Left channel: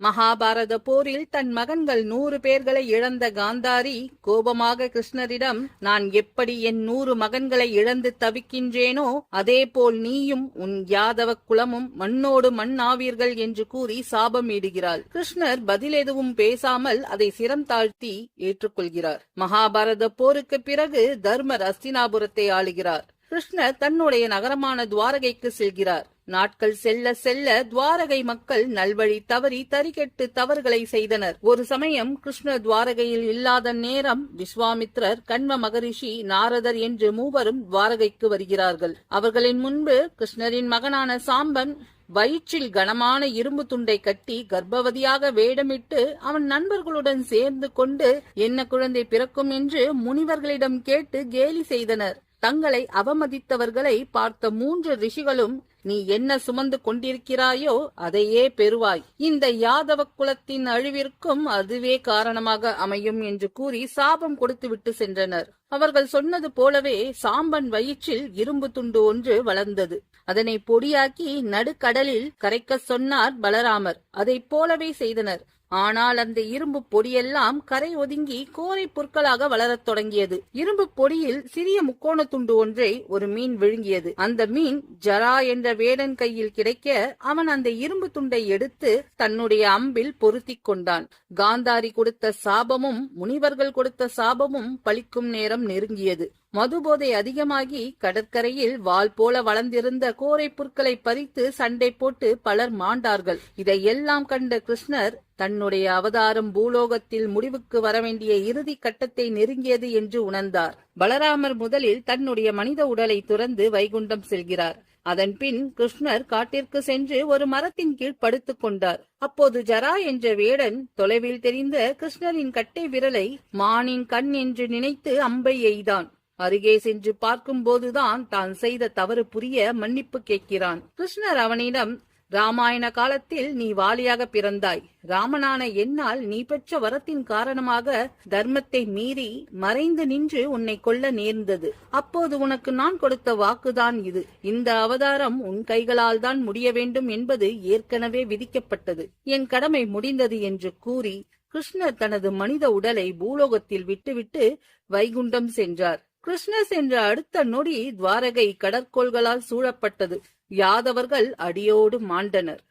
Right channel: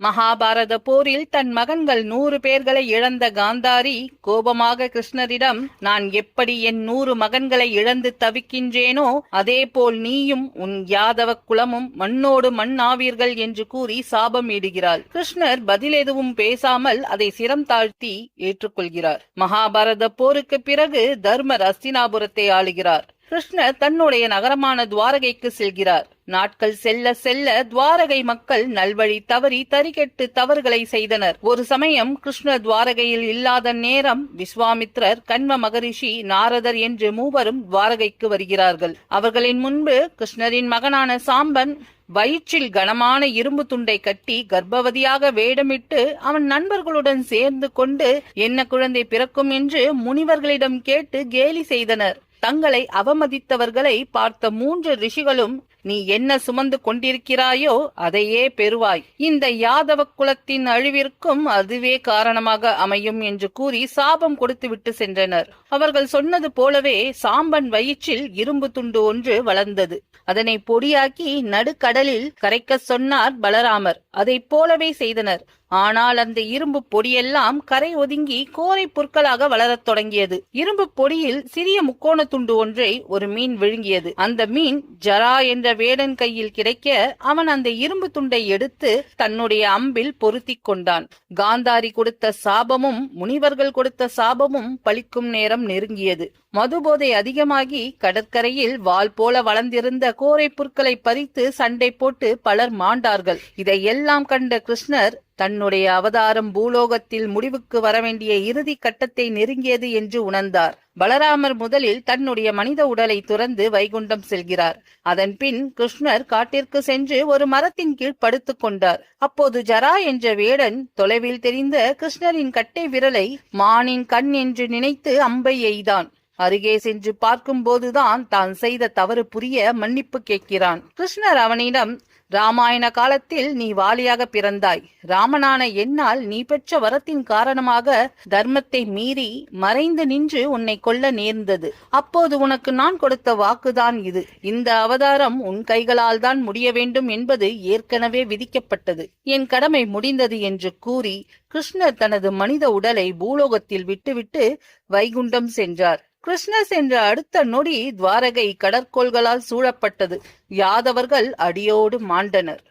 மகாபாரத போரில் தன் மகன்கள் 100 பேர்களை இழந்த காந்தாரி கோபமாக கிருஷ்ணரிடம், நான் எப்படி என் 100 மகன்களை இழந்து தவிக்கின்றேனோ அதேபோல் நீயும் உன் யாதவ குலமும் மண்ணோடு மண் ஆவீர்கள் என்று கூறி சாபம் இடுகிறாள். கிருஷ்ணர் பதில் எதுவும் பேசாமல் அதை சிரம் தாழ்த்தி ஏற்றுக்கொள்கிறார். மகாபாரத போருக்கு பிறகு தர்மர் அஸ்தினாபுரத்தை ஆளுகிறார். கிருஷ்ணர் தன்னுடைய நகரமான துவாரகைக்கு செல்கிறார். நாட்கள் செல்ல செல்ல துவாரகை மக்கள் நல்வழி தவறி தறிகெட்டு தவறுகளை செய்தனர். ஒரு சமயம் கிருஷ்ணர் துவாரகையில் இல்லாத நேரம் விஸ்வாமித்ரர், கண்வ மகரிஷி, நாரதர் என்று மூவரும் துவாரகைக்கு வருகிறார்கள். அவர்களின் முன்பு கிருஷ்ணரின் மகனான சாம்பன் வயிற்றில் கனமான இரும்பு துண்டை கட்டி கர்ப்பவதியாக வேடமிட்டு அவன் நண்பர்களுடன் சேர்ந்து கொண்டு என்ன குழந்தை பிறக்கும் என்று முனிவர்களிடம் கேட்டு கேலி செய்தனர். தங்களை அவமதித்தவர்களை பார்த்த 3 ரிஷிகளும், நீ என்ன சுமந்து கொண்டிருக்கிறாயோ அதையே பெறுவாய், இந்த யாதவ குலத்தின் அழிவிற்கும் அதுவே காரணமாக அமையும் என்று கூறி சாபம் கொடுத்துவிட்டு சென்றனர். அவர்கள் சொன்னது போலவே சாம்பன் வயிற்றில் இரும்பு துண்டு ஒன்று வளர்ந்தது. அதனை பொடியாக்கி நடுக்கடலில் கரைக்க சொன்னார் பலராமர். அதை போலவே செய்தனர். ஆனால் அந்த இரும்பு பொடியெல்லாம் கரை ஒதுங்கி கோரை புற்களாக வளரத் தொடங்கியது. இரும்பு பொடியில் சிறிய முக்கோண துண்டு ஒன்றை ஒரு மீன் விழுங்கியது. அந்த மீன் ஜரா என்ற வேடன் கையில் கிடைக்க அவன் அந்த இரும்பு துண்டை எடுத்து தன்னுடைய அம்பில் பொருத்தி கொண்டான். காந்தாரி கொடுத்த சாபமும் முனிவர்கள் கொடுத்த சாபமும் பலிக்கும் நேரம் நெருங்கியது. மதுபோதை அதிகமாகி கடற்கரையில் வால் போல வளர்ந்திருந்த கோரை புற்களை பறித்து சண்டை போட்டு பலர் மாண்டார்கள். இதையெல்லாம் கண்ட கிருஷ்ணர் தன்னுடைய அவதாரம் பூலோகத்தில் முடிவுக்கு வரவேண்டிய இறுதி கட்டத்தை நெருங்கியது என்று உணர்ந்தார். பலராமர் முதலில் தன்னுடைய மனித உடலை துறந்து வைகுண்டம் செல்கிறார். அதன் பின் கிருஷ்ணர் காட்டிற்கு சென்று ஒரு மரத்தின் கீழ் படுத்துக் கொண்டார். அப்போது ஜரா என்ற வேடன் தொலைவில் தெரிந்த கிருஷ்ணரின் கட்டை விரலை மானின் கண் என்று நினைத்து அம்பை எய்தான். அருகே சென்று பார்க்கும் போதுதான் தான் செய்த தவறு புரிய மன்னிப்பு கேட்கிறான். கிருஷ்ணர் அவனிடம், ராமாயண காலத்தில் நீ வாலியாக பிறந்தாய். ராமனான என்னால் நீ பெற்ற வரத்தின் காரணமாக தர்மத்தை மீறி மறைந்து நின்று உன்னை கொல்ல நேர்ந்தது. அப்போது உனக்கு நான் கொடுத்த வாக்குதான் இது. இந்த அவதாரம் உன் கைகளால் தான் முடிய வேண்டும் என்பது ஏற்கனவே விதிக்கப்பட்டது. என் கடமை முடிந்தது என்று கூறி கிருஷ்ணர் தனது மனித உடலை பூலோகத்தில் விட்டுவிட்டு வைகுண்டம் சென்றார். கிருஷ்ணர் சென்ற அடுத்த நொடி துவாரகை கடற்கோள்களால் சூழப்பட்டது. யாதவர்கள் அடியோடு மாண்டனர்.